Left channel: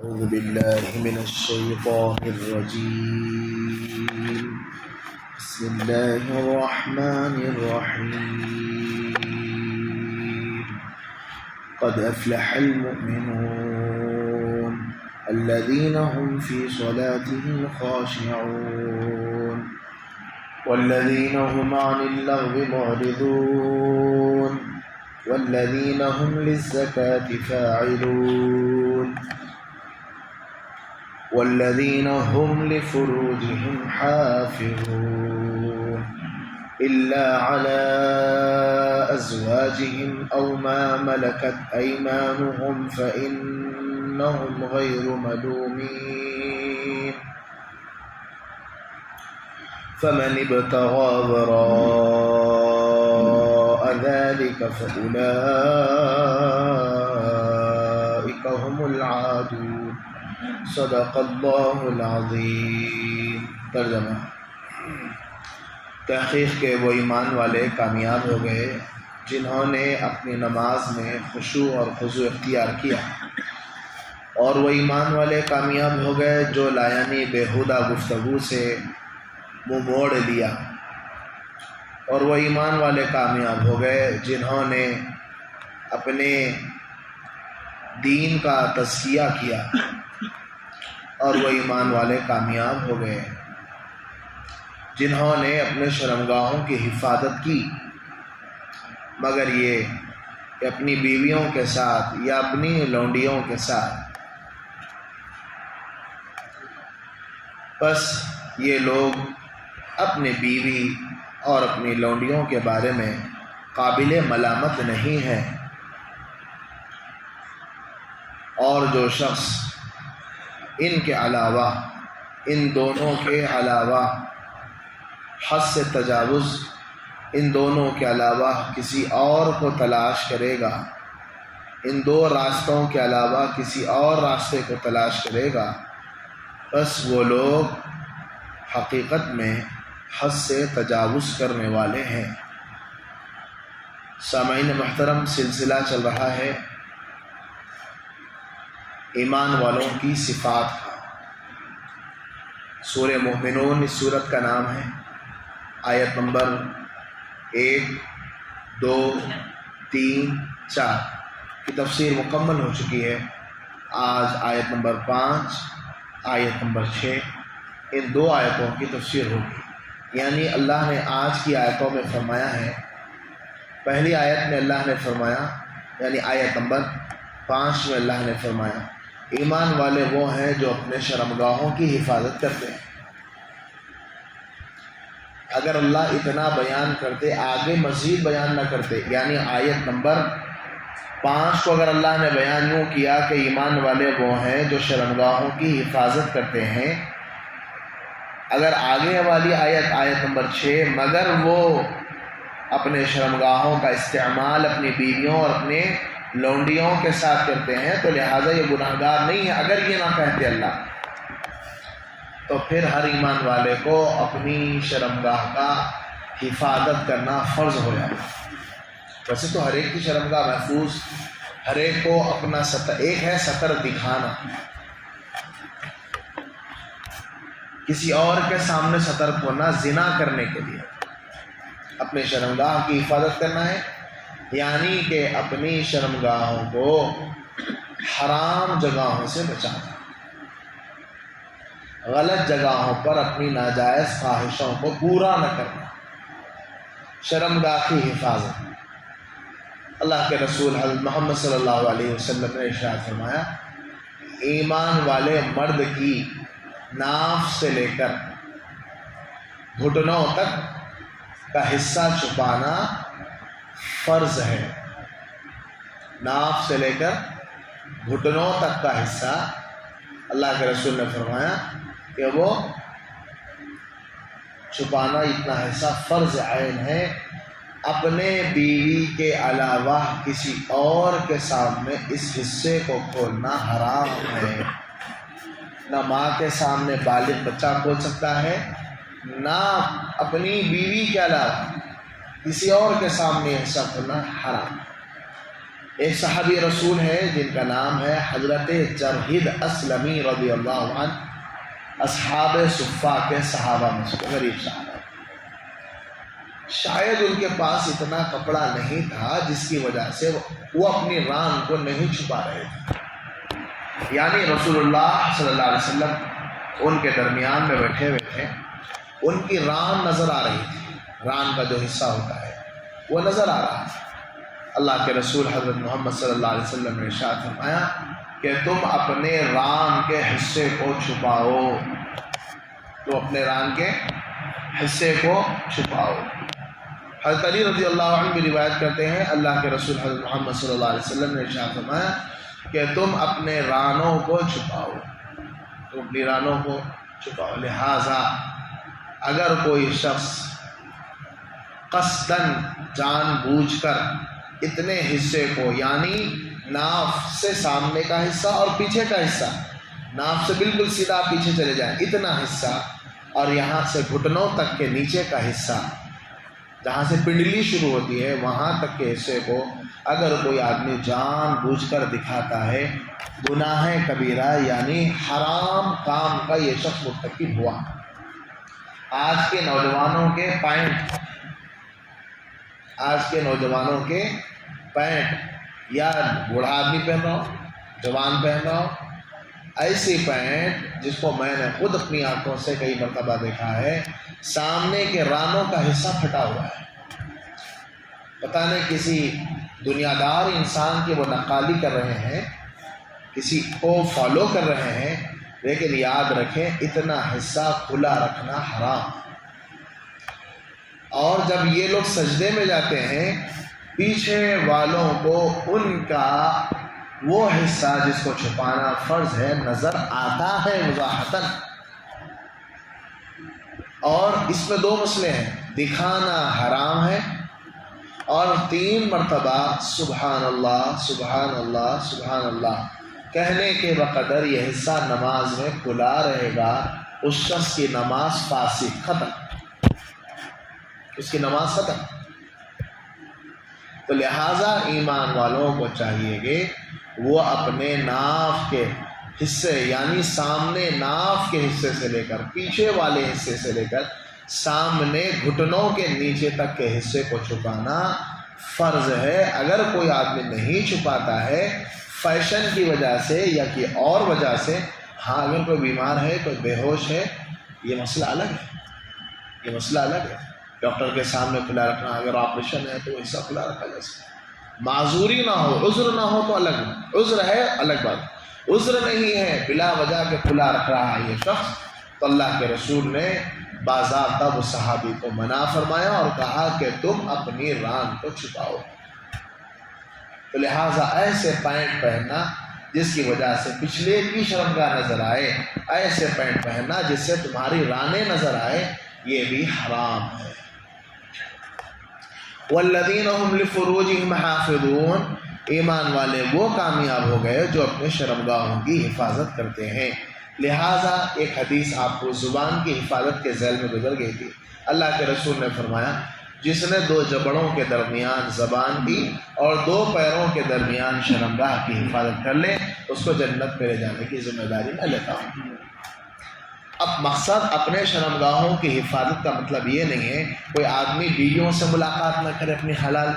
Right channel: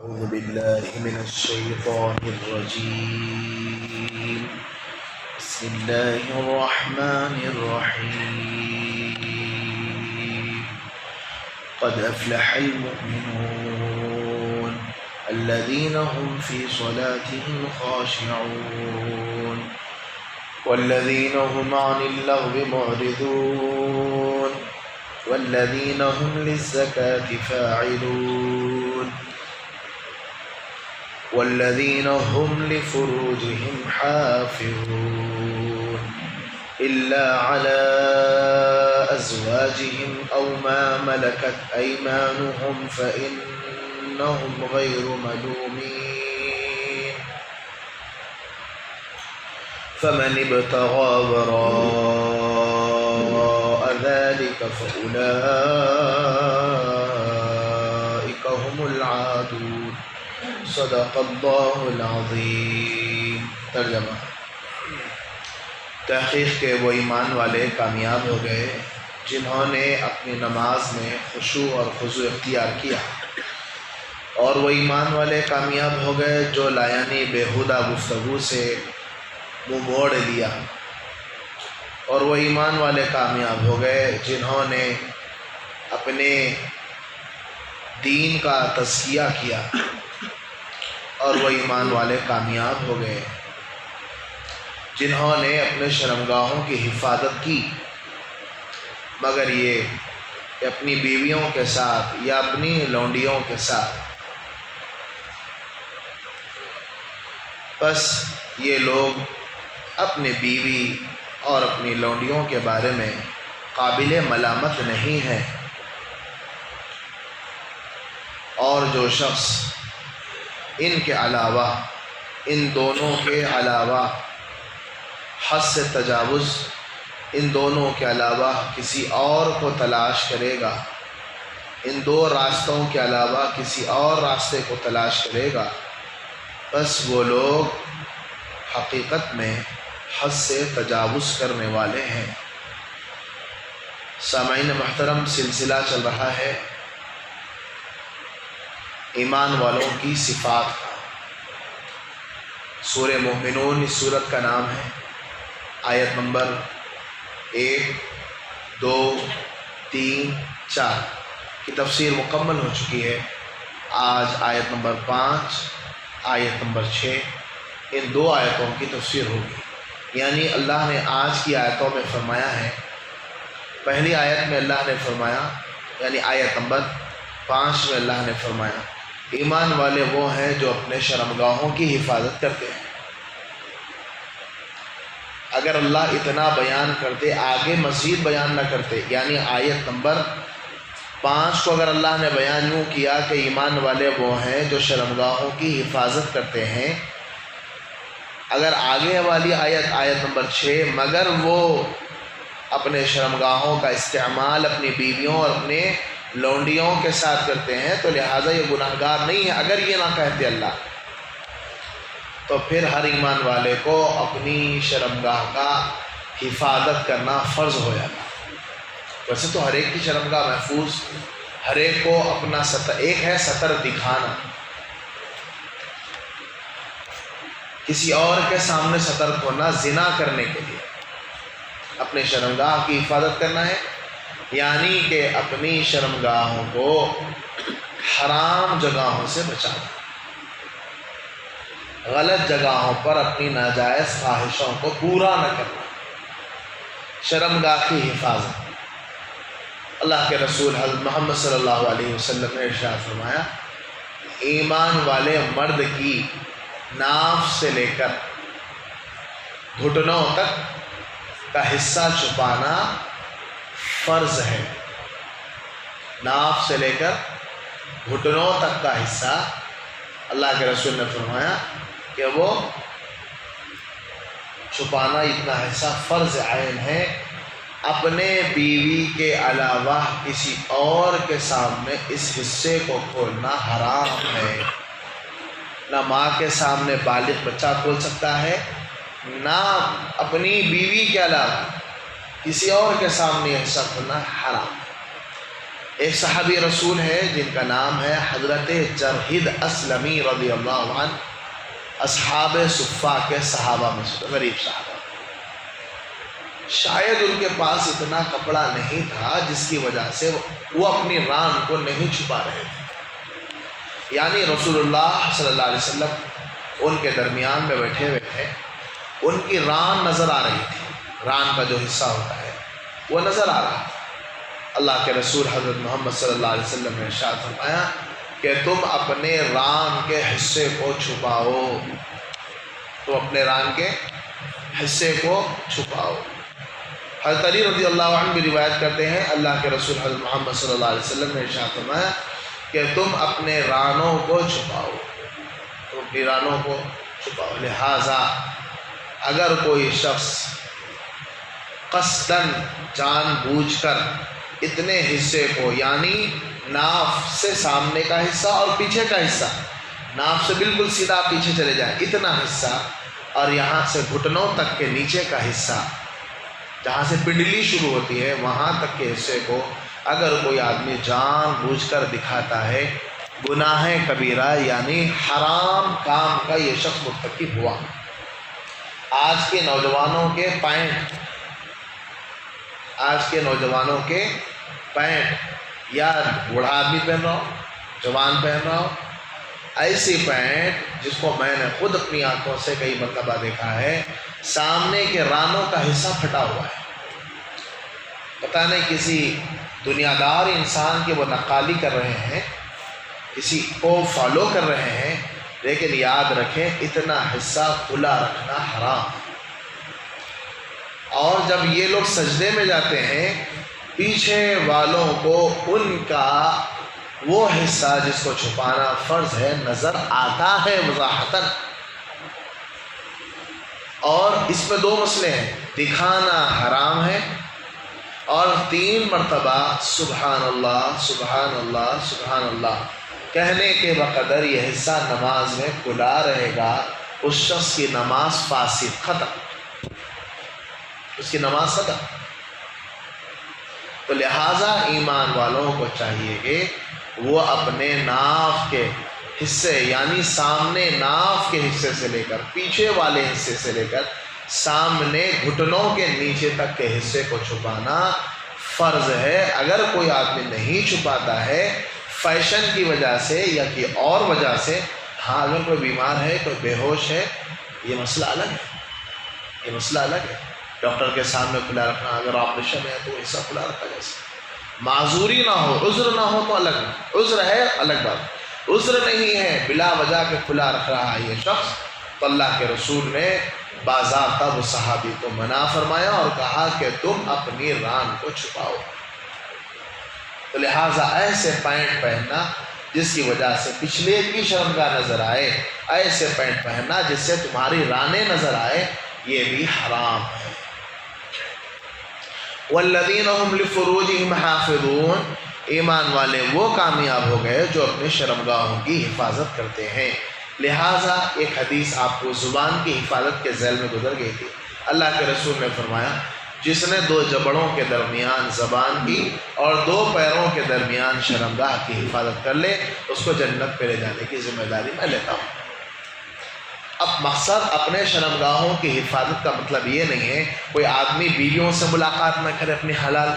أعوذ بالله من الشيطان الرجيم. بسم الله الرحمن الرحيم. قد أفلح المؤمنون الذين هم في صلاتهم خاشعون والذين هم عن اللغو معرضون والذين هم للزكاة فاعلون والذين هم لفروجهم حافظون إلا على أزواجهم أو ما ملكت أيمانهم فإنهم غير ملومين فمن ابتغى وراء ذلك فأولئك هم العادون. صدق اللہ العظیم. ترجمہ: تحقیق کے وہ ایمان والے کامیاب ہو گئے جنہوں نے اپنی نماز میں خشوع اور خضوع اختیار کیا، اور وہ ایمان والے کامیاب ہو گئے جو لایانی بیہودہ گفتگو سے منہ موڑ لیا، اور وہ ایمان والے کامیاب ہو گئے جنہوں نے اپنے دین کا تزکیہ کیا، اور وہ ایمان والے کامیاب ہو گئے جنہوں نے اپنے شرمگاہوں کی حفاظت کی، مگر یہ کہ اپنی بیویوں کے ساتھ یا اپنی لونڈیوں کے ساتھ. بس یہ لوگ اپنے بیوی اور اپنی لونڈیوں کے بارے میں قابل ملامت نہیں ہیں، اور جو شخص ان کے علاوہ، ان دونوں کے علاوہ حد سے تجاوز، ان دونوں کے علاوہ کسی اور کو تلاش کرے گا، ان دو راستوں کے علاوہ کسی اور راستے کو تلاش کرے گا، بس وہ لوگ حقیقت میں حد سے تجاوز کرنے والے ہیں. سامعین محترم، سلسلہ چل رہا ہے ایمان والوں کی صفات کا. سورہ مومنون اس سورت کا نام ہے. آیت نمبر 1، 2، 3، 4 کی تفسیر مکمل ہو چکی ہے. آج آیت نمبر 5، آیت نمبر 6، ان دو آیتوں کی تفسیر ہوگی. یعنی اللہ نے آج کی آیتوں میں فرمایا ہے، پہلی آیت میں اللہ نے فرمایا، یعنی آیت نمبر 5 میں اللہ نے فرمایا ایمان والے وہ ہیں جو اپنے شرمگاہوں کی حفاظت کرتے ہیں. اگر اللہ اتنا بیان کرتے، آگے مزید بیان نہ کرتے، یعنی آیت نمبر 5 کو اگر اللہ نے بیان یوں کیا کہ ایمان والے وہ ہیں جو شرمگاہوں کی حفاظت کرتے ہیں، اگر آگے والی آیت نمبر 6 مگر وہ اپنے شرمگاہوں کا استعمال اپنی بیویوں اور اپنے لونڈیوں کے ساتھ کرتے ہیں تو لہٰذا یہ گناہگار نہیں ہے. اگر یہ نہ کہتے اللہ تو پھر ہر ایمان والے کو اپنی شرمگاہ کا حفاظت کرنا فرض ہو جاتا. ویسے تو ہر ایک کی شرمگاہ محفوظ، ہر ایک کو اپنا ستر، ایک ہے ستر دکھانا، کسی اور کے سامنے سترک ہونا زنا کرنے کے لیے اپنے شرمگاہ کی حفاظت کرنا ہے، یعنی کہ اپنی شرمگاہوں کو حرام جگہوں سے بچانا، غلط جگہوں پر اپنی ناجائز خواہشوں کو پورا نہ کرنا، شرمگاہ کی حفاظت. اللہ کے رسول حضرت محمد صلی اللہ علیہ وسلم نے ارشاد فرمایا، ایمان والے مرد کی ناف سے لے کر گھٹنوں تک کا حصہ چھپانا فرض ہے. ناف سے لے کر گھٹنوں تک کا حصہ اللہ کے رسول نے فرمایا کہ وہ چھپانا، اتنا حصہ فرض عین ہے. اپنے بیوی کے علاوہ کسی اور کے سامنے اس حصے کو کھولنا حرام ہے. نہ ماں کے سامنے بالغ بچہ کھول سکتا ہے، نہ اپنی بیوی کے علاوہ کسی اور کے سامنے حصہ کھولنا حرام ہے. ایک صحابی رسول ہے جن کا نام ہے حضرت جرحد اسلمی رضی اللہ عنہ، اصحاب صفہ کے صحابہ میں سے غریب صحابہ۔ شاید ان کے پاس اتنا کپڑا نہیں تھا جس کی وجہ سے وہ اپنی ران کو نہیں چھپا رہے تھے، یعنی رسول اللہ صلی اللہ علیہ وسلم ان کے درمیان میں بیٹھے ہوئے تھے، ان کی ران نظر آ رہی تھی، ران کا جو حصہ ہوتا ہے وہ نظر آ رہا تھا۔ اللہ کے رسول حضرت محمد صلی اللہ علیہ وسلم نے ارشاد فرمایا کہ تم اپنے ران کے حصے کو چھپاؤ، تم اپنے ران کے حصے کو چھپاؤ۔ حضرت علی رضی اللہ عنہ بھی روایت کرتے ہیں، اللہ کے رسول حضرت محمد صلی اللہ علیہ وسلم نے ارشاد فرمایا کہ تم اپنے رانوں کو چھپاؤ، تم اپنی رانوں کو چھپاؤ۔ لہٰذا اگر کوئی شخص قصداً جان بوجھ کر اتنے حصے کو، یعنی ناف سے سامنے کا حصہ اور پیچھے کا حصہ، ناف سے بالکل سیدھا پیچھے چلے جائیں اتنا حصہ، اور یہاں سے گھٹنوں تک کے نیچے کا حصہ، جہاں سے پنڈلی شروع ہوتی ہے وہاں تک کے حصے کو اگر کوئی آدمی جان بوجھ کر دکھاتا ہے، گناہ کبیرہ یعنی حرام کام کا یہ شخص مرتکب ہوا۔ آج کے نوجوانوں کے پینٹ یا بوڑھا آدمی پہن رہا ہو، جوان پہن رہا ہو، ایسی پینٹ جس کو میں نے خود اپنی آنکھوں سے کئی مرتبہ دیکھا ہے، سامنے کے رانوں کا حصہ پھٹا ہوا ہے۔ پتہ نہیں کسی دنیا دار انسان کی وہ نقالی کر رہے ہیں، کسی کو فالو کر رہے ہیں، لیکن یاد رکھیں اتنا حصہ کھلا رکھنا حرام۔ اور جب یہ لوگ سجدے میں جاتے ہیں، پیچھے والوں کو ان کا وہ حصہ جس کو چھپانا فرض ہے نظر آتا ہے وضاحتاً۔ اور اس میں دو مسئلے ہیں، دکھانا حرام ہے، اور 3 مرتبہ سبحان اللہ سبحان اللہ سبحان اللہ کہنے کے بقدر یہ حصہ نماز میں کھلا رہے گا، اس شخص کی نماز فاسد، ختم، اس کی نماز ختم۔ تو لہٰذا ایمان والوں کو چاہیے کہ وہ اپنے ناف کے حصے، یعنی سامنے ناف کے حصے سے لے کر پیچھے والے حصے سے لے کر سامنے گھٹنوں کے نیچے تک کے حصے کو چھپانا فرض ہے۔ اگر کوئی آدمی نہیں چھپاتا ہے فیشن کی وجہ سے یا کہ اور وجہ سے، ہاں اگر کوئی بیمار ہے، کوئی بے ہوش ہے، یہ مسئلہ الگ ہے، یہ مسئلہ الگ ہے۔ ڈاکٹر کے سامنے کھلا رکھنا، اگر آپریشن ہے تو حصہ کھلا رکھا جیسے، معذوری نہ ہو، عذر نہ ہو تو الگ ہے، عذر ہے الگ بات، عذر نہیں ہے بلا وجہ کے کھلا رکھ رہا ہے یہ شخص، تو اللہ کے رسول نے باضابطہ وہ صحابی کو منع فرمایا اور کہا کہ تم اپنی ران کو چھپاؤ۔ تو لہٰذا ایسے پینٹ پہننا جس کی وجہ سے پچھلے کی شرمگاہ نظر آئے، ایسے پینٹ پہننا جس سے تمہاری رانیں نظر آئے، یہ بھی حرام ہے۔ والذین هم لفروجہم حافظون، ایمان والے وہ کامیاب ہو گئے جو اپنے شرمگاہوں کی حفاظت کرتے ہیں۔ لہٰذا ایک حدیث آپ کو زبان کی حفاظت کے ذیل میں گزر گئی تھی، اللہ کے رسول نے فرمایا جس نے 2 جبڑوں کے درمیان زبان کی اور 2 پیروں کے درمیان شرمگاہ کی حفاظت کر لے، اس کو جنت پہ لے جانے کی ذمہ داری میں لیتا ہوں۔ اب مقصد اپنے شرمگاہوں کی حفاظت کا مطلب یہ نہیں ہے کوئی آدمی بیویوں سے ملاقات نہ کرے، اپنی حلال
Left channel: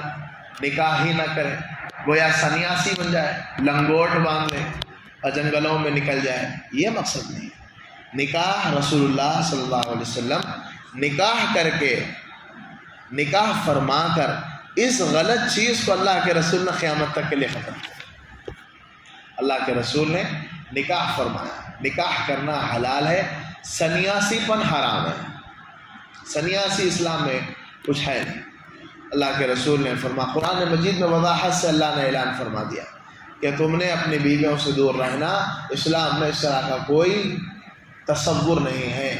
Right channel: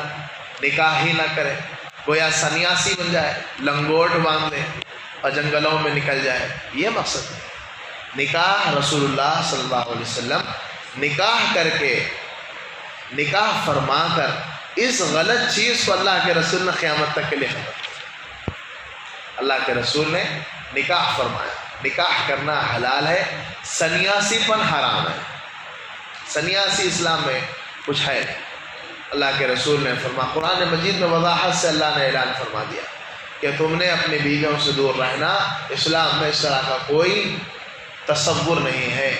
نکاح ہی نہ کرے، گویا سنیاسی بن جائے، لنگوٹ باندھ لے اور جنگلوں میں نکل جائے، یہ مقصد نہیں۔ نکاح رسول اللہ صلی اللہ علیہ وسلم نکاح کر کے، نکاح فرما کر اس غلط چیز کو اللہ کے رسول نے قیامت تک کے لیے ختم کیا۔ اللہ کے رسول نے نکاح فرمایا، نکاح کرنا حلال ہے، سنیاسی پن حرام ہے، سنیاسی اسلام میں کچھ ہے نہیں۔ اللہ کے رسول نے فرمایا، قرآن مجید میں وضاحت سے اللہ نے اعلان فرما دیا کہ تم نے اپنی بیویوں سے دور رہنا، اسلام میں اس طرح کا کوئی تصور نہیں ہے۔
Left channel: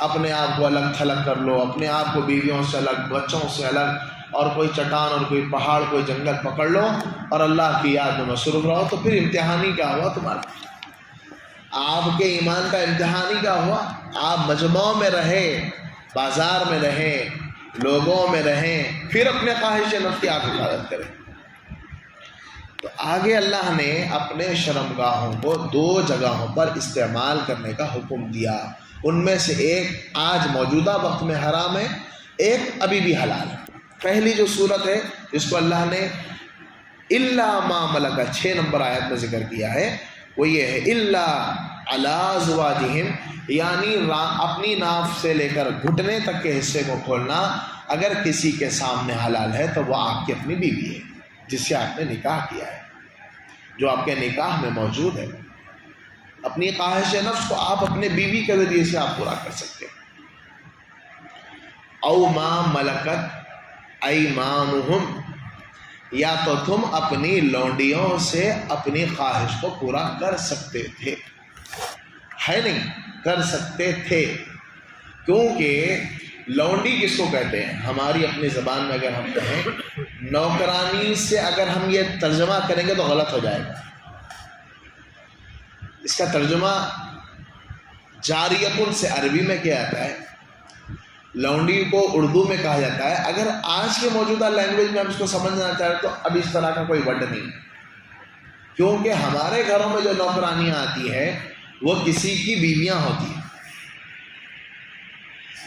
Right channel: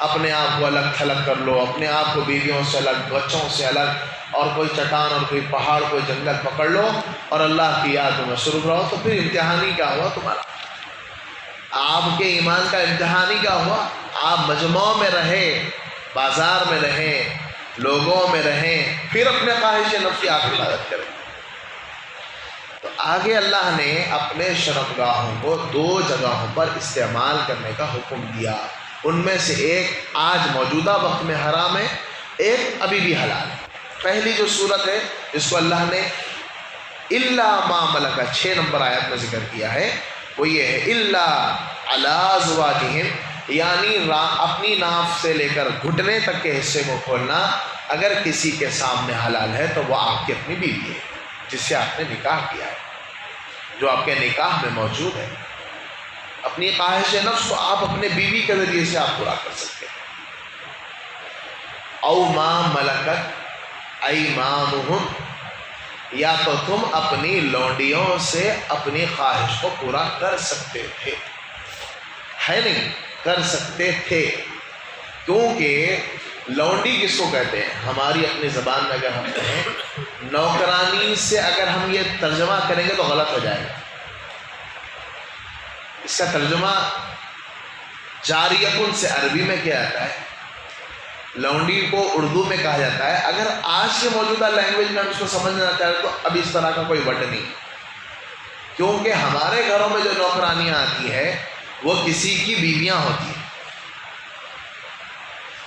اپنے آپ کو الگ تھلگ کر لو، اپنے آپ کو بیویوں سے الگ، بچوں سے الگ، اور کوئی چٹان اور کوئی پہاڑ کوئی جنگل پکڑ لو اور اللہ کی یاد میں مصروف رہو، تو پھر امتحانی کیا ہوا تمہارا؟ آپ کے ایمان کا امتحانی کیا ہوا؟ آپ مجموعوں میں رہے، بازار میں رہیں، لوگوں میں رہیں، پھر اپنے خواہش نفس کی آپ حفاظت کریں۔ آگے اللہ نے اپنے شرمگاہوں کو 2 جگہوں پر استعمال کرنے کا حکم دیا، ان میں سے ایک آج موجودہ وقت میں حرام ہے، ایک ابھی بھی حلال ہے۔ پہلی جو صورت ہے جس کو اللہ نے الا ما ملکت 6 نمبر آیت میں ذکر کیا ہے وہ یہ ہے الا علی ازواجہم، یعنی اپنی ناف سے لے کر گھٹنے تک کے حصے کو کھولنا اگر کسی کے سامنے حلال ہے تو وہ آپ کی اپنی بیوی ہے جس سے آپ نے نکاح کیا ہے، جو آپ کے نکاح میں موجود ہے۔ اپنی خواہش نفس کو آپ اپنے بیوی کے ذریعے سے آپ پورا کر سکتے ہیں۔ او ما ملکت ایمانہم، یا تو تم اپنی لونڈیوں سے اپنی خواہش کو پورا کر سکتے تھے، ہے نہیں کر سکتے تھے، کیونکہ لونڈی کس کو کہتے ہیں؟ ہماری اپنی زبان میں اگر ہم کہیں نوکرانی سے اگر ہم یہ ترجمہ کریں گے تو غلط ہو جائے گا۔ اس کا ترجمہ جاریتن سے عربی میں کیا آتا ہے، لونڈی کو اردو میں کہا جاتا ہے۔ اگر آج کے موجودہ لینگویج میں ہم اس کو سمجھنا چاہیں تو اب اس طرح کا کوئی ورڈ نہیں، کیونکہ ہمارے گھروں میں جو نوکرانیاں آتی ہے وہ کسی کی بیویاں ہوتی ہیں۔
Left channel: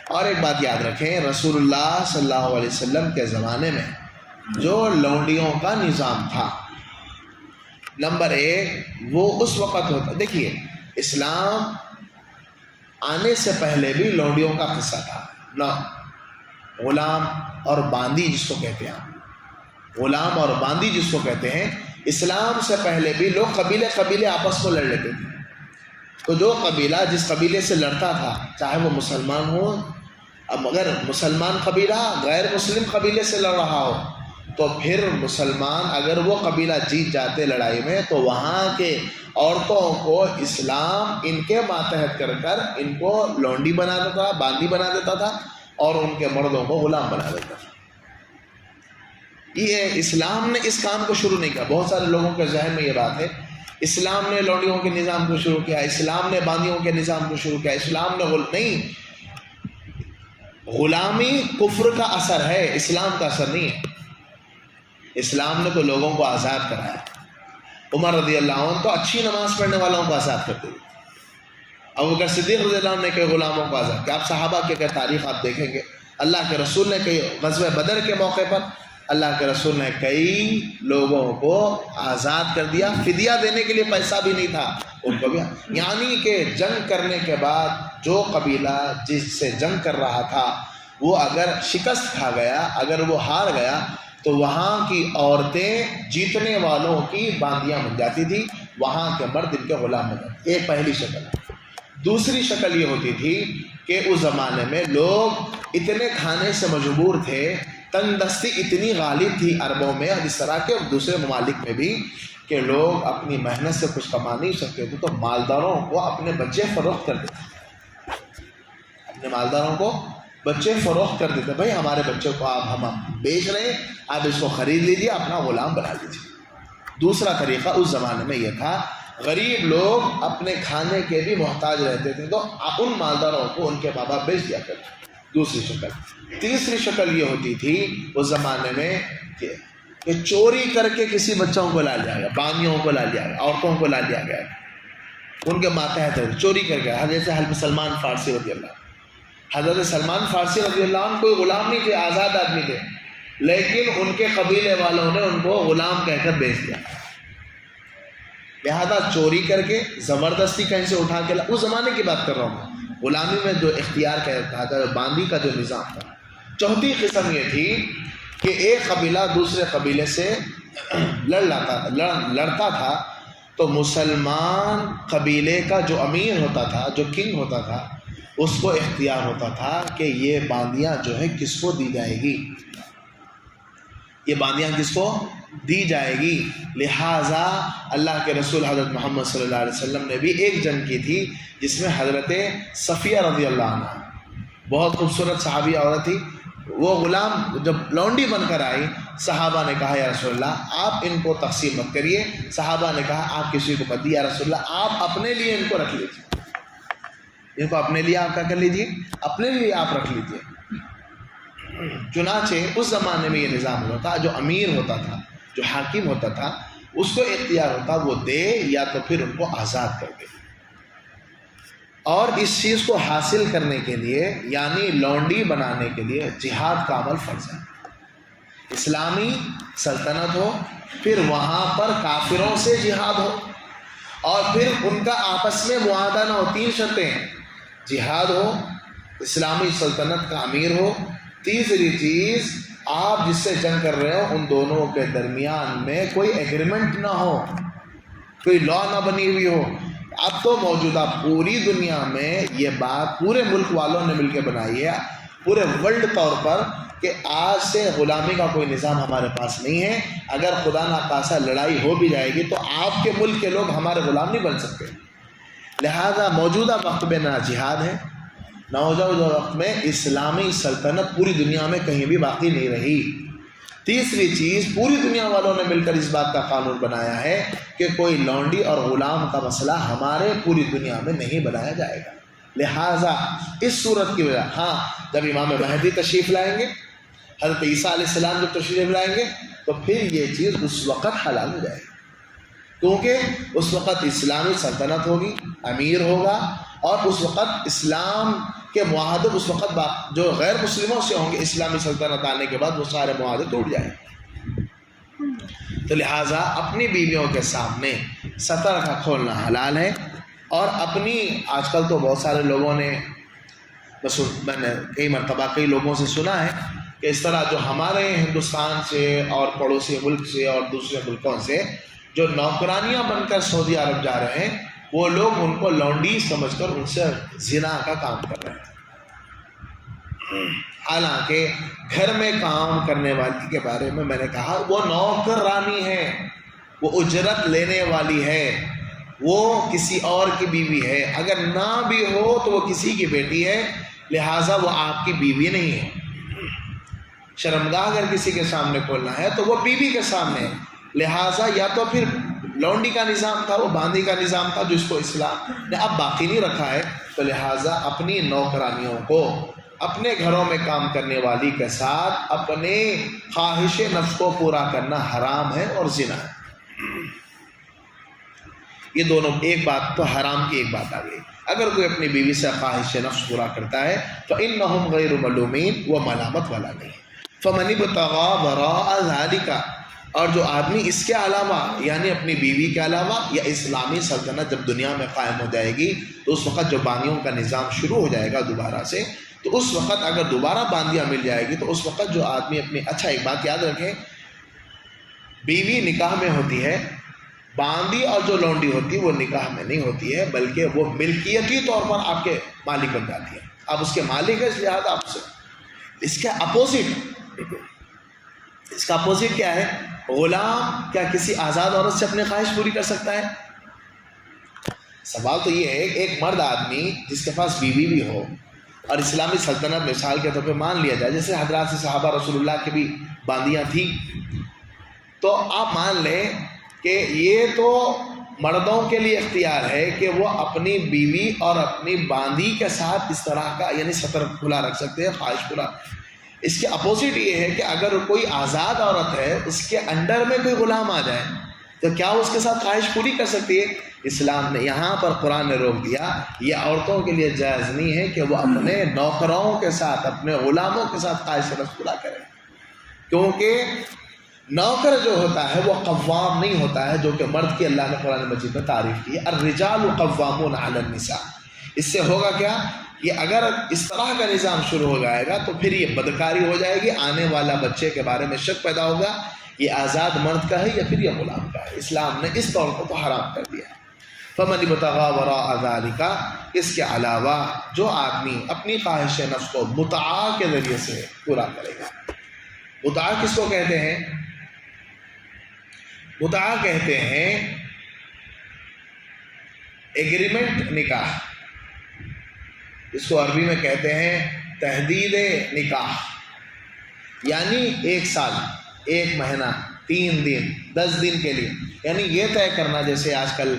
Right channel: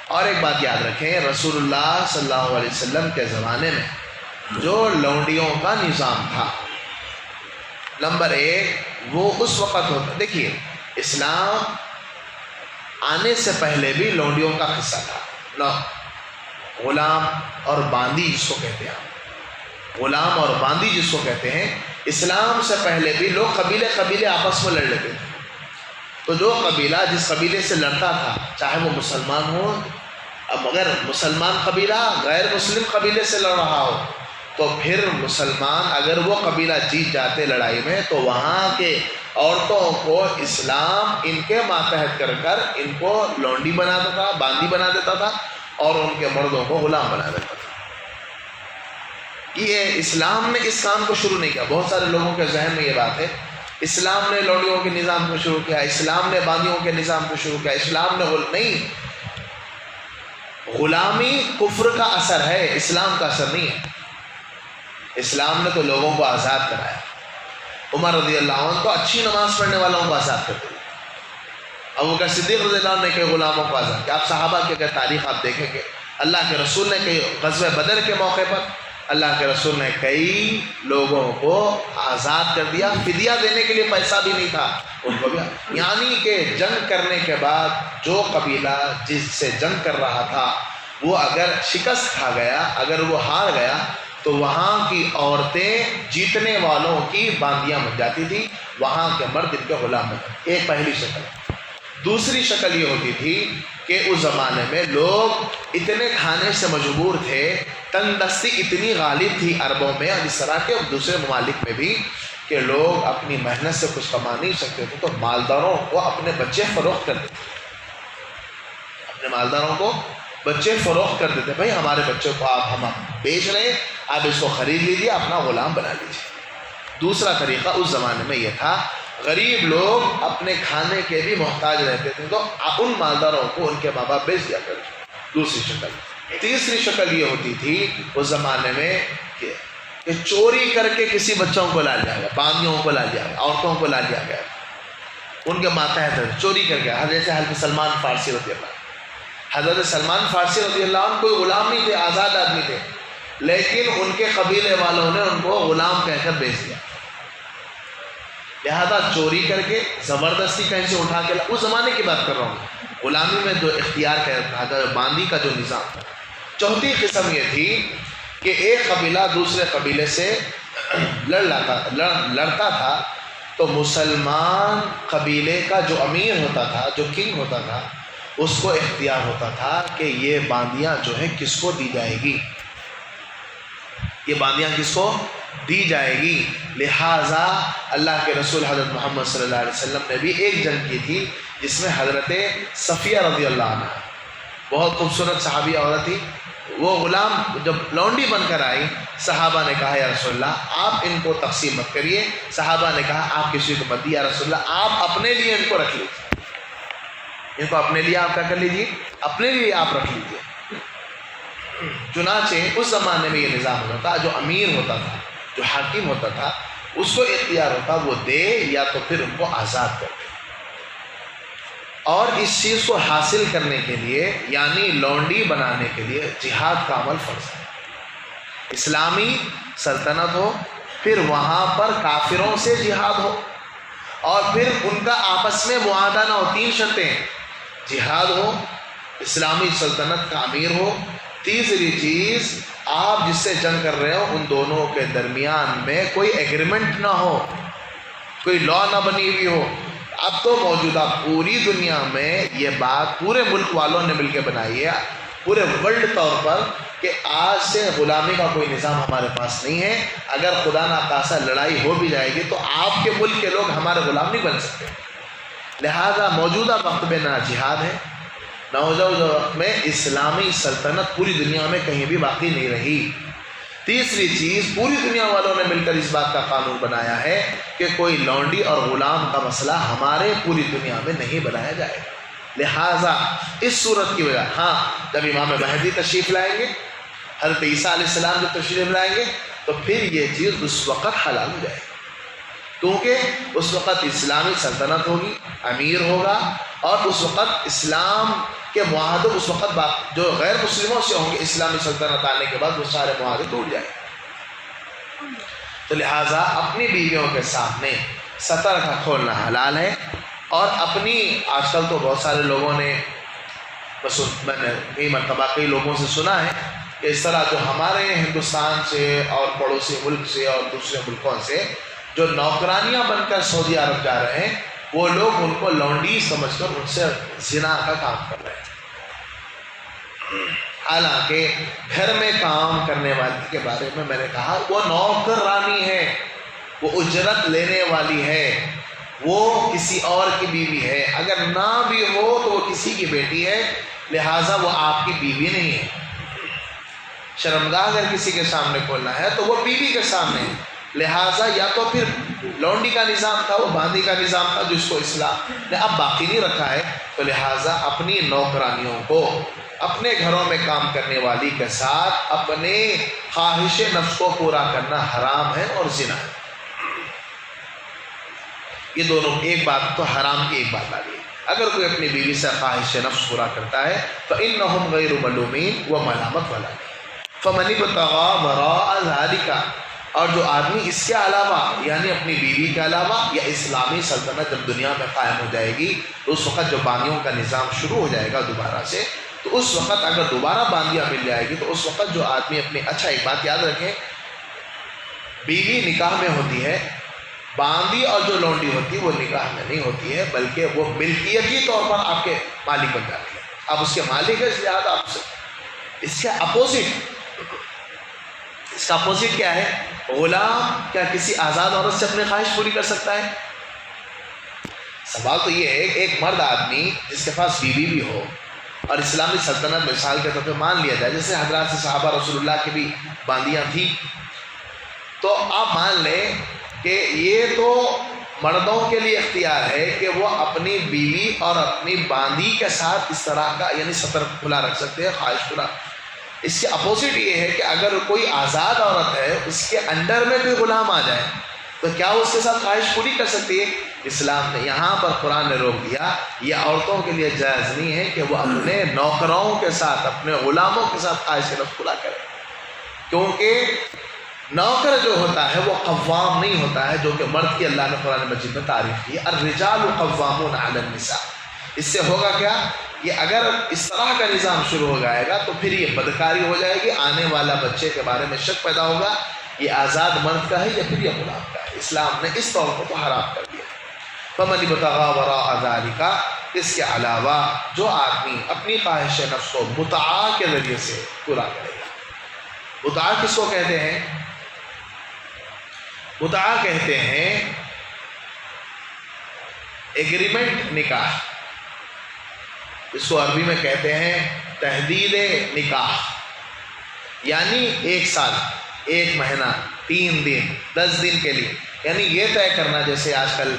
اور ایک بات یاد رکھیں، رسول اللہ صلی اللہ علیہ وسلم کے زمانے میں جو لونڈیوں کا نظام تھا، نمبر 1 وہ اس وقت ہوتا، دیکھیے اسلام آنے سے پہلے بھی لونڈیوں کا قصہ تھا، غلام اور باندی جس کو کہتے ہیں، غلام اور باندی جس کو کہتے ہیں، اسلام سے پہلے بھی لوگ قبیلے آپس میں لڑ لیتے تھے۔ تو جو قبیلہ جس قبیلے سے لڑتا تھا، چاہے وہ مسلمان ہو، اب اگر مسلمان قبیلہ غیر مسلم قبیلے سے لڑ رہا ہو تو پھر مسلمان اگر وہ قبیلہ جیت جاتے لڑائی میں تو وہاں کے عورتوں کو اسلام ان کے ماتحت کر کر ان کو لونڈی بنا دیتا، باندی بنا دیتا تھا، اور ان کے مردوں کو غلام بنا دیتا تھا۔ یہ اسلام نے اس کام کو شروع نہیں کیا۔ بہت سارے لوگوں کے ذہن میں یہ بات ہے اسلام نے لونڈیوں کے نظام کو شروع کیا، اسلام نے باندیوں کے نظام کو شروع کیا، اسلام نے نہیں، غلامی کفر کا اثر ہے، اسلام کا اثر نہیں ہے۔ اسلام نے تو لوگوں کو آزاد کرایا۔ عمر رضی اللہ عنہ تو اچھی نماز پڑھنے والوں کو آزاد کرتے ہوئے، ابوبکر صدیق رضی اللہ عنہ نے کئی غلاموں کو آزاد کیا۔ آپ صحابہ کی اگر تاریخ آپ دیکھیں گے، اللہ کے رسول نے کئی غزوہ بدر کے موقع پر اللہ کے رسول نے کئی لوگوں کو آزاد کر دیا، فدیہ دینے کے لیے پیسہ بھی نہیں تھا ان کو بھی، یعنی کہ جنگ کرنے کے بعد جو قبیلہ جس سے جنگ کر رہا تھا وہ اگر شکست کھا گیا، اگر وہ ہار گیا تو وہاں کی عورتیں جیتنے والوں کی باندیاں بن جاتی تھی، وہاں کے مرد ان کے غلام بن جاتے۔ ایک پہلی شکل۔ دوسری شکل یہ ہوتی تھی کہ اس زمانے میں لوگ اتنے کھانے سے مجبور تھے، تنگ دستی اتنی غالب تھی عربوں میں اور اس طرح کے دوسرے ممالک میں بھی کہ لوگ اپنی محنت سے کچھ کما نہیں سکتے تھے، تو مالداروں کو اپنے بچے فروخت کر دیتے، اپنے مالداروں کو بچے فروخت کر دیتے، بھائی ہمارے بچے کو ہم بیچ رہے ہیں، آپ اس کو خرید لیجیے، اپنا غلام بنا لیجیے۔ دوسرا طریقہ اس زمانے میں یہ تھا، غریب لوگ اپنے کھانے کے بھی محتاج رہتے تھے تو ان مالداروں کو ان کے ماں باپ بیچ دیا کرتے۔ دوسری شکل۔ تیسری شکل یہ ہوتی تھی اس زمانے میں کہ چوری کر کے کسی بچوں کو لا لیا گیا، باندیوں کو لا لیا گیا، عورتوں کو لا لیا گیا، ان کے ماتحت چوری کر گیا۔ حضرت سلمان فارسی رضی اللہ عنہ، حضرت سلمان فارسی رضی اللہ عنہ کوئی غلام نہیں تھے، آزاد آدمی تھے، لیکن ان کے قبیلے والوں نے ان کو غلام کہہ کر بیچ دیا۔ لہذا چوری کر کے زبردستی کہیں سے اٹھا کے اس زمانے کی بات کر رہا ہوں، غلامی میں جو اختیار کہتا تھا، باندی کا جو نظام تھا۔ چوتھی قسم یہ تھی کہ ایک قبیلہ دوسرے قبیلے سے لڑتا تھا تو مسلمان قبیلے کا جو امیر ہوتا تھا، جو کنگ ہوتا تھا، اس کو اختیار ہوتا تھا کہ یہ باندیاں جو ہے کس کو دی جائے گی، یہ باندیاں کس کو دی جائے گی۔ لہٰذا اللہ کے رسول حضرت محمد صلی اللہ علیہ وسلم نے بھی ایک جنگ کی تھی جس میں حضرت صفیہ رضی اللہ عنہ، بہت خوبصورت صحابی عورت تھی، وہ غلام جب لونڈی بن کر آئی، صحابہ نے کہا یا رسول اللہ آپ ان کو تقسیم مت کریے، صحابہ نے کہا آپ کسی کو مت دیے یا رسول اللہ، آپ اپنے لیے ان کو رکھ لیجیے، ان کو اپنے لیے آپ کیا کر لیجیے، اپنے لیے آپ رکھ لیجیے۔ چنانچہ اس زمانے میں یہ نظام ہوتا تھا، جو امیر ہوتا تھا، جو حاکم ہوتا تھا، اس کو اختیار ہوتا وہ دے یا تو پھر ان کو آزاد کر دے۔ اور اس چیز کو حاصل کرنے کے لیے یعنی لونڈی بنانے کے لیے جہاد کا عمل فرض ہے۔ اسلامی سلطنت ہو، پھر وہاں پر کافروں سے جہاد ہو، اور پھر ان کا آپس میں معاہدہ نہ ہو۔ 3 شرطیں: جہاد ہو، اسلامی سلطنت کا امیر ہو، تیسری چیز آپ جس سے جنگ کر رہے ہو ان دونوں کے درمیان میں کوئی ایگریمنٹ نہ ہو، کوئی لا نہ بنی ہوئی ہو۔ اب تو موجودہ پوری دنیا میں یہ بات پورے ملک والوں نے مل کے بنائی ہے، پورے ورلڈ طور پر، کہ آج سے غلامی کا کوئی نظام ہمارے پاس نہیں ہے۔ اگر خدا نخواستہ لڑائی ہو بھی جائے گی تو آپ کے ملک کے لوگ ہمارے غلام نہیں بن سکتے۔ لہذا موجودہ وقت میں نہ جہاد ہے، نہ موجودہ وقت میں اسلامی سلطنت پوری دنیا میں کہیں بھی باقی نہیں رہی۔ تیسری چیز، پوری دنیا والوں نے مل کر اس بات کا قانون بنایا ہے کہ کوئی لونڈی اور غلام کا مسئلہ ہمارے پوری دنیا میں نہیں بنایا جائے گا۔ لہٰذا اس صورت کی وجہ، ہاں جب امام مہدی تشریف لائیں گے، حضرت عیسیٰ علیہ السلام جب تشریف لائیں گے تو پھر یہ چیز اس وقت حلال ہو جائے گی، کیونکہ اس وقت اسلامی سلطنت ہوگی، امیر ہوگا، اور اس وقت اسلام کے معاہدے اس وقت جو غیر مسلموں سے ہوں گے اسلامی سلطنت آنے کے بعد وہ سارے معاہدے ٹوٹ جائیں گے۔ تو لہٰذا اپنی بیویوں کے سامنے سطر کا کھولنا حلال ہے۔ اور اپنی، آج کل تو بہت سارے لوگوں نے، بس میں نے کئی مرتبہ کئی لوگوں سے سنا ہے کہ اس طرح جو ہمارے ہندوستان سے اور پڑوسی ملک سے اور دوسرے ملکوں سے جو نوکرانیاں بن کر سعودی عرب جا رہے ہیں، وہ لوگ ان کو لونڈی سمجھ کر ان سے زنا کا کام کر رہے ہیں۔ حالانکہ گھر میں کام کرنے والی کے بارے میں نے کہا وہ نوکرانی ہے، وہ اجرت لینے والی ہے، وہ کسی اور کی بیوی ہے، اگر نہ بھی ہو تو وہ کسی کی بیٹی ہے، لہٰذا وہ آپ کی بیوی نہیں ہے۔ شرمگاہ اگر کسی کے سامنے کھولنا ہے تو وہ بیوی کے سامنے ہے، لہٰذا یا تو پھر لونڈی کا نظام تھا، وہ باندی کا نظام تھا جس کو اسلام نے اب باقی نہیں رکھا ہے، تو لہٰذا اپنی نوکرانیوں کو اپنے گھروں میں کام کرنے والی کے ساتھ اپنے خواہش نفس کو پورا کرنا حرام ہے اور زنا ہے۔ یہ دونوں، ایک بات تو حرام کی ایک بات آ گئی۔ اگر کوئی اپنی بیوی سے خواہش نفس پورا کرتا ہے فَإِنَّهُمْ غَيْرُ مَلُومِينَ، وہ ملامت والا نہیں۔ فَمَنِ ابْتَغَىٰ وَرَاءَ ذَلِكَ، اور جو آدمی اس کے علاوہ یعنی اپنی بیوی کے علاوہ یا اسلامی سلطنت جب دنیا میں قائم ہو جائے گی تو اس وقت جو باندیوں کا نظام شروع ہو جائے گا دوبارہ سے، تو اس وقت اگر دوبارہ باندیاں مل جائے گی تو اس وقت جو آدمی اپنی، اچھا ایک بات یاد رکھیں، بیوی نکاح میں ہوتی ہے، باندی اور جو لونڈی ہوتی ہے وہ نکاح میں نہیں ہوتی ہے، بلکہ وہ ملکیتی طور پر آپ کے مالک بن جاتی ہے، آپ اس کے مالک ہیں، اس لحاظ آپ سے اس کے اپوزٹ، اس کا اپوزٹ کیا ہے؟ غلام کیا کسی آزاد عورت سے اپنی خواہش پوری کر سکتا ہے؟ سوال تو یہ ہے کہ ایک مرد آدمی جس کے پاس بیوی بھی ہو اور اسلامی سلطنت مثال کے طور پہ مان لیا جائے، جیسے حضرات صحابہ رسول اللہ کی بھی باندیاں تھیں، تو آپ مان لیں کہ یہ تو مردوں کے لیے اختیار ہے کہ وہ اپنی بیوی اور اپنی باندی کے ساتھ اس طرح کا یعنی سطر کھلا رکھ سکتے ہیں، خواہش پورا۔ اس کے اپوزٹ یہ ہے کہ اگر کوئی آزاد عورت ہے، اس کے انڈر میں کوئی غلام آ جائے تو کیا وہ اس کے ساتھ خواہش پوری کر سکتی ہے؟ اسلام نے یہاں پر قرآن نے روک دیا، یہ عورتوں کے لیے جائز نہیں ہے کہ وہ اپنے نوکروں کے ساتھ، اپنے غلاموں کے ساتھ خواہش نفس پورا کرے، کیونکہ نوکر جو ہوتا ہے وہ قوام نہیں ہوتا ہے، جو کہ مرد کی اللہ نے قرآن مجید میں تعریف کی ہے، الرجال قوامون علی النساء۔ اس سے ہوگا کیا؟ یہ اگر اس طرح کا نظام شروع ہو جائے گا تو پھر یہ بدکاری ہو جائے گی، آنے والا بچے کے بارے میں شک پیدا ہوگا، یہ آزاد مرد کا ہے یا پھر یہ غلام کا ہے۔ اسلام نے اس طور کو حرام کر دیا۔ فَمَنِ ابْتَغَىٰ وَرَاءَ ذَلِكَ، اس کے علاوہ جو آدمی اپنی خواہش نفس کو متعا کے ذریعے سے پورا کرے گا۔ متعا کس کو کہتے ہیں؟ متعا کہتے ہیں ایگریمنٹ نکاح، اس کو عربی میں کہتے ہیں تحدید نکاح، یعنی 1 سال 1 مہینہ 3 دن 10 دن کے لیے، یعنی یہ طے کرنا، جیسے آج کل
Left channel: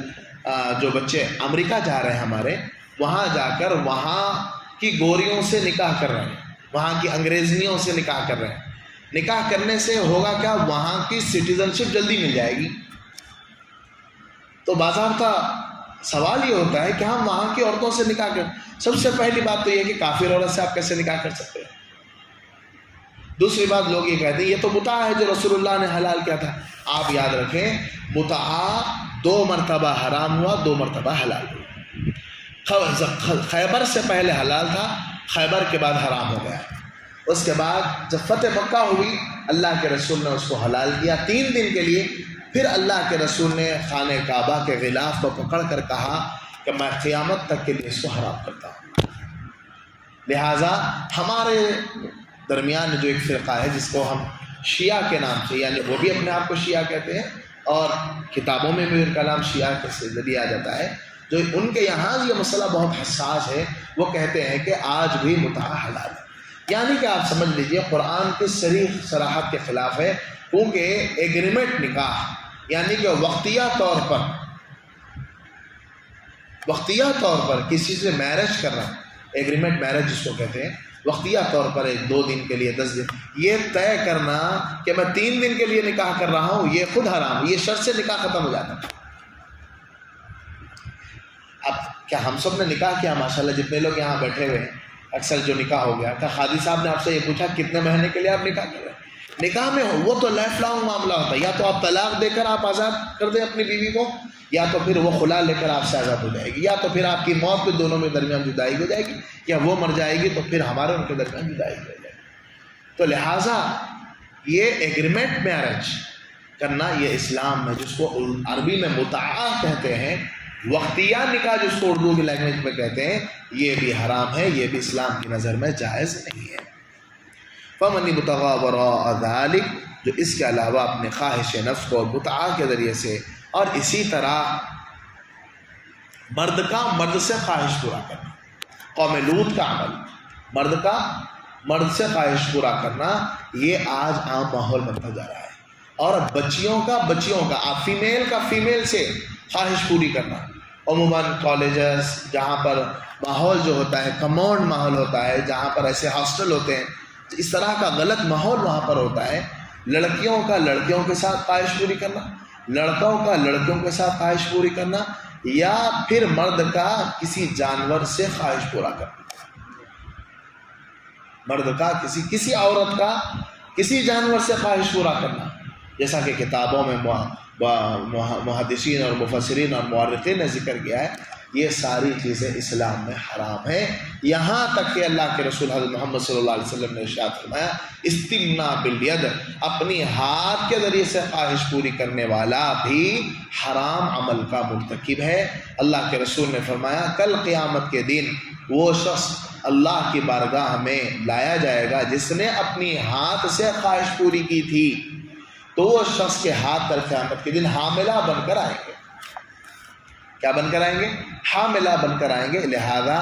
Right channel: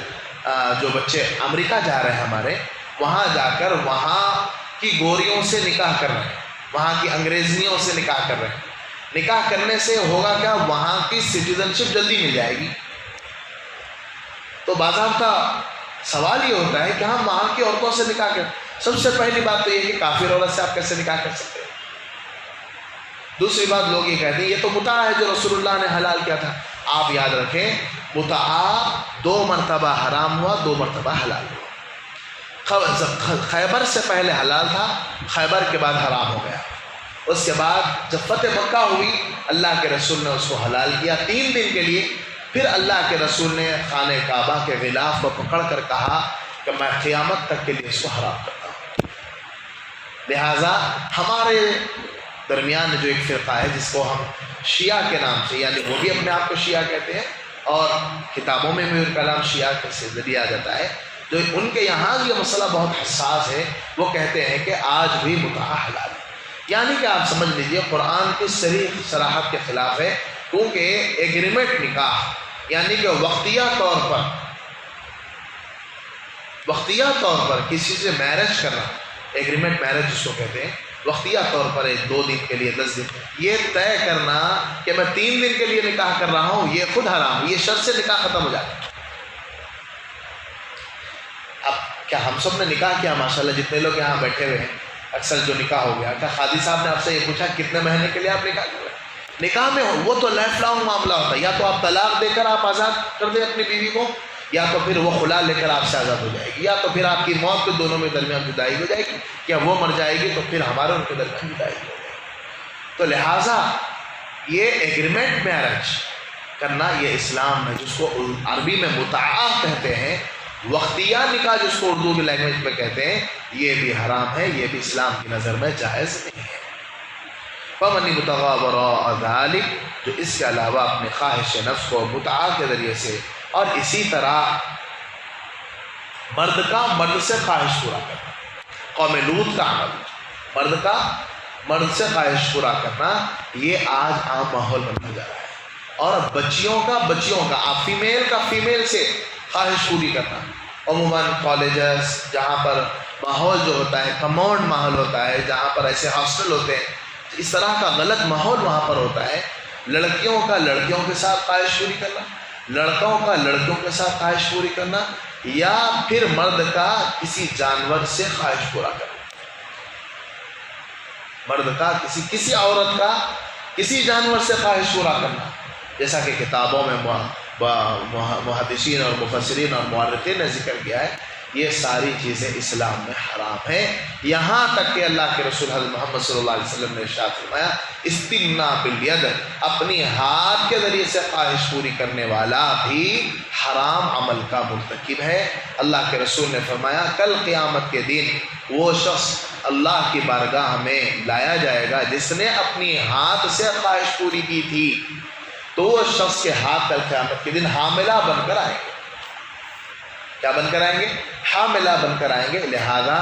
جو بچے امریکہ جا رہے ہیں ہمارے، وہاں جا کر وہاں کی گوریوں سے نکاح کر رہے ہیں، وہاں کی انگریزنیوں سے نکاح کر رہے ہیں۔ نکاح کرنے سے ہوگا کیا؟ وہاں کی سٹیزن شپ جلدی مل جائے گی، تو باضابطہ سوال یہ ہوتا ہے کہ ہم وہاں کی عورتوں سے نکاح کریں. سب سے پہلی بات تو یہ کہ کافر عورت سے آپ کیسے نکاح کر سکتے ہیں؟ دوسری بات لوگ یہ کہتے ہیں یہ تو متعہ ہے جو رسول اللہ نے حلال کیا تھا. آپ یاد رکھیں متعہ 2 مرتبہ حرام ہوا، 2 مرتبہ حلال ہوا. خیبر سے پہلے حلال تھا، خیبر کے بعد حرام ہو گیا. اس کے بعد جب فتح مکہ ہوئی اللہ کے رسول نے اس کو حلال کیا 3 دن کے لیے. پھر اللہ کے رسول نے خانہ کعبہ کے غلاف کو پکڑ کر کہا کہ میں قیامت تک کے لیے اس کو حرام کرتا ہوں. لہٰذا ہمارے درمیان جو ایک فرقہ ہے جس کو ہم شیعہ کے نام سے، یعنی وہ بھی اپنے آپ کو شیعہ کہتے ہیں اور کتابوں میں بھی ان کا نام شیعہ سے دیا جاتا ہے، جو ان کے یہاں یہ مسئلہ بہت حساس ہے. وہ کہتے ہیں کہ آج بھی متعہ حلال ہے. یعنی کہ آپ سمجھ لیجئے قرآن کی صریح صراحت کے خلاف ہے، کیونکہ ایگریمنٹ نکاح یعنی کہ وقتیہ طور پر کسی سے میرج کرنا، ایگریمنٹ میرج جس کو کہتے ہیں، وقتیہ طور پر 2 دن کے لیے 10 دن، یہ طے کرنا کہ میں 3 دن کے لیے نکاح کر رہا ہوں، یہ خود حرام. یہ شرط سے نکاح ختم ہو جاتا ہے. اب کیا ہم سب نے نکاح کیا؟ ماشاءاللہ جتنے لوگ یہاں بیٹھے ہوئے ہیں اکثر جو نکاح ہو گیا، کیا قاضی صاحب نے آپ سے یہ پوچھا کتنے مہینے کے لیے آپ نکاح کر رہے ہیں؟ نکاح میں وہ تو لائف لانگ معاملہ ہوتا ہے. یا تو آپ طلاق دے کر آپ آزاد کر دیں اپنی بیوی کو، یا تو پھر وہ خلا لے کر آپ سے آزاد ہو جائے گی، یا تو پھر آپ کی موت کے دونوں میں درمیان جدائی ہو جائے گی، یا وہ مر جائے گی تو پھر ہمارے ان کے درمیان جدائی ہو جائے گی. تو لہٰذا یہ ایگریمنٹ میرج کرنا یہ اسلام میں، جس کو عربی میں متعہ کہتے ہیں، وقتیہ نکاح جس کو اردو کی لینگویج میں کہتے ہیں، یہ بھی حرام ہے، یہ بھی اسلام کی نظر میں جائز نہیں ہے. فَمَنِ ابْتَغَىٰ وَرَاءَ ذَٰلِكَ، جو اس کے علاوہ اپنے خواہش نفس کو متعہ کے ذریعے سے، اور اسی طرح مرد کا مرد سے خواہش پورا کرنا، قوم لوط کا عمل، مرد سے خواہش پورا کرنا، یہ آج عام ماحول بنتا جا رہا ہے. اور بچیوں کا آپ فیمیل کا فیمیل سے خواہش پوری کرنا. عموماً کالجز جہاں پر ماحول جو ہوتا ہے کماؤنڈ ماحول ہوتا ہے، جہاں پر ایسے ہاسٹل ہوتے ہیں، اس طرح کا غلط ماحول وہاں پر ہوتا ہے. لڑکیوں کا لڑکیوں کے ساتھ خواہش پوری کرنا، لڑکوں کا لڑکیوں کے ساتھ خواہش پوری کرنا، یا پھر مرد کا کسی جانور سے خواہش پورا کرنا. مرد کا کسی عورت کا کسی جانور سے خواہش پورا کرنا، جیسا کہ کتابوں میں محدثین اور مفسرین اور مورخین نے ذکر کیا ہے. یہ ساری چیزیں اسلام میں حرام ہیں. یہاں تک کہ اللہ کے رسول حضرت محمد صلی اللہ علیہ وسلم نے ارشاد فرمایا استمناء بالید، اپنی ہاتھ کے ذریعے سے خواہش پوری کرنے والا بھی حرام عمل کا مرتکب ہے. اللہ کے رسول نے فرمایا کل قیامت کے دن وہ شخص اللہ کی بارگاہ میں لایا جائے گا جس نے اپنی ہاتھ سے خواہش پوری کی تھی، تو وہ شخص کے ہاتھ کل قیامت کے دن حاملہ بن کر آئیں گے. کیا بن کر آئیں گے؟ حاملہ بن کر آئیں گے. لہذا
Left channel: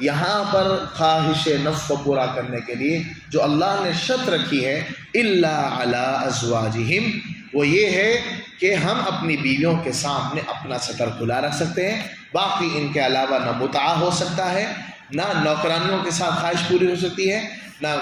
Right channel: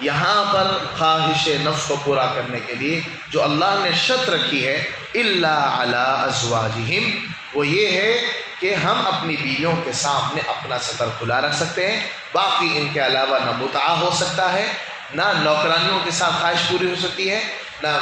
یہاں پر خواہش نفس کو پورا کرنے کے لیے جو اللہ نے شرط رکھی ہے الا علی ازواجہم، وہ یہ ہے کہ ہم اپنی بیویوں کے سامنے اپنا ستر کھلا رکھ سکتے ہیں. باقی ان کے علاوہ نہ متعہ ہو سکتا ہے، نہ نوکرانیوں کے ساتھ خواہش پوری ہو سکتی ہے، نہ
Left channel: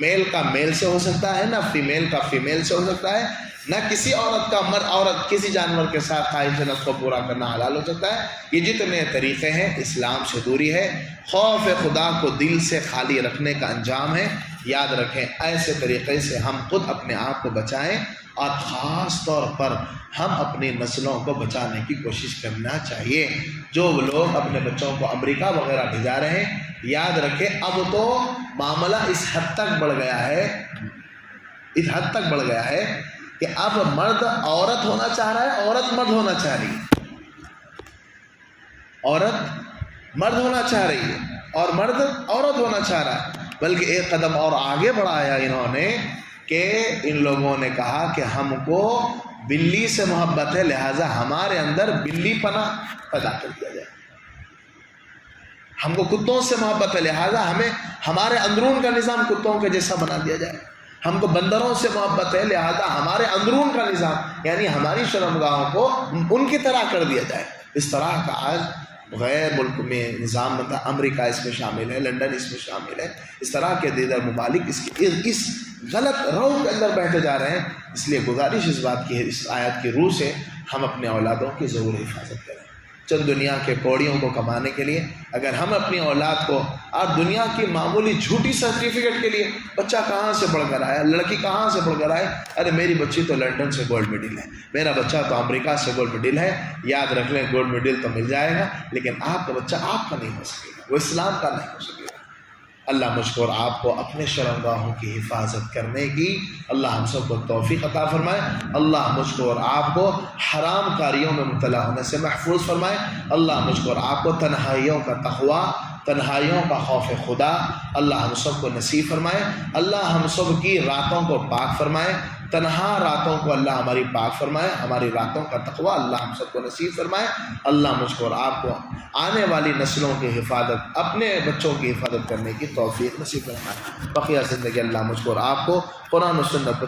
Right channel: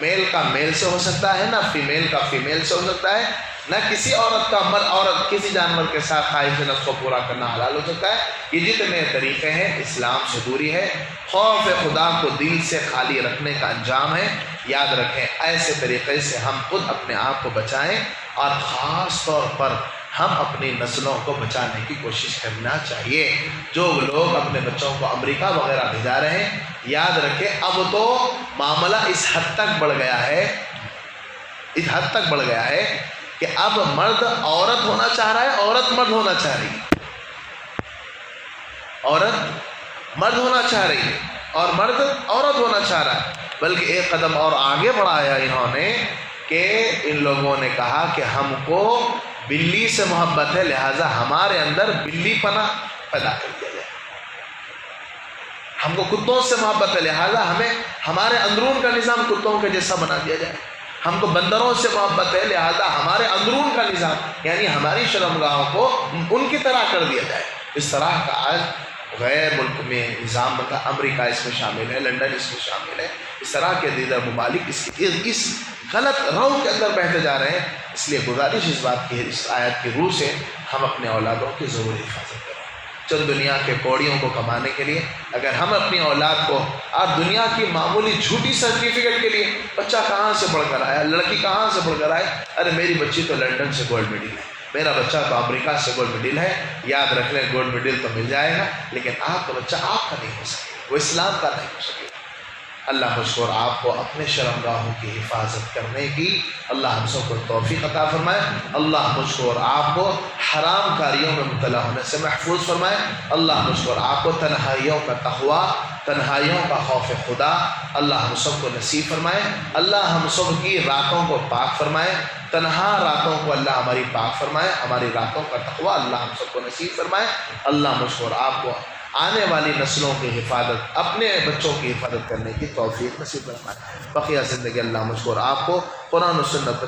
میل کا میل سے ہو سکتا ہے، نہ فیمیل کا فیمیل سے ہو سکتا ہے، نہ کسی عورت کا عورت کسی جانور کے ساتھ خواہش نفس کو پورا کرنا حلال ہو سکتا ہے. یہ جتنے طریقے ہیں اسلام سے دوری ہے. خوف خدا کو دل سے خالی رکھنے کا انجام ہے. یاد رکھیں ایسے طریقے سے ہم خود اپنے آپ کو بچائیں، اور خاص طور پر ہم اپنی نسلوں کو بچانے کی کوشش کرنا چاہیے. جو لوگ اپنے بچوں کو امریکہ وغیرہ بھیجا رہے ہیں، یاد رکھیں اب تو معاملہ اس حد تک بڑھ گیا ہے کہ اب مرد عورت ہونا چاہ رہا ہے، عورت مرد ہونا چاہ رہی ہے، عورت مرد ہونا چاہ رہی ہے، اور مرد عورت ہونا چاہ رہا ہے. بلکہ ایک قدم اور آگے بڑھایا انہوں نے کہ ان لوگوں نے کہا کہ ہم کو بلی سے محبت ہے، لہٰذا ہمارے اندر بلی پنا پیدا کر دیا جائے. ہم کو کتوں سے محبت ہے، لہٰذا ہمیں ہمارے اندرون کا نظام کتوں کے جیسا بنا دیا جائے. ہم کو بندروں سے محبت ہے، لہذا ہمارے اندرون کا نظام یعنی ہماری شرمگاہوں کو ان کی طرح کر دیا جائے. اس طرح کا آج غیر ملک میں نظام بنتا، امریکہ اس میں شامل ہے، لندن اس میں شامل ہے. اس طرح کے دیگر ممالک اس غلط رو کے اندر بہتے جا رہے ہیں. اس لیے گزارش اس بات کی ہے، اس آیت کی روح سے ہم اپنے اولادوں کی ضرور حفاظت کریں۔ چند دنیا کے کوڑیوں کو کمانے کے لیے اگر ہم اپنی اولاد کو اور دنیا کی معمولی جھوٹی سرٹیفکیٹ کے لیے، بچہ کہاں سے پڑھ کر آیا، لڑکی کہاں سے پڑھ کر آئے، ارے میری بچی تو لنڈن سے گولڈ میڈل ہے، میرا بچہ تو امریکہ سے گولڈ میڈل ہے، یاد رکھ لیں گولڈ میڈل تو مل جائے گا لیکن آپ کا بچہ آپ کا نہیں ہو سکے گا، وہ اسلام کا نہیں ہو سکے گا۔ اللہ مجھ کو اور آپ کو اپنے شرمگاہوں کی حفاظت کرنے کی اللہ ہم سب کو توفیق عطا فرمائے۔ اللہ مجھ کو اور آپ کو حرام کاریوں میں مبتلا ہونے سے محفوظ فرمائے۔ اللہ مجھ کو اور آپ کو تنہائیوں کا تقویٰ، تنہائیوں کا خوف خدا اللہ ہم سب کو نصیب فرمائے۔ اللہ ہم سب کی راتوں کو پاک فرمائے، تنہا راتوں کو اللہ ہماری پاک فرمائے، ہماری راتوں کا تقویٰ اللہ ہم سب کو نصیب فرمائے۔ اللہ مجھ کو اور آپ کو آنے والی نسلوں کی حفاظت، اپنے بچوں کی حفاظت کرنے کی توفیق نصیب فرمائے۔ بقیہ زندگی اللہ مجھ کو اور آپ کو قرآن و سنت پر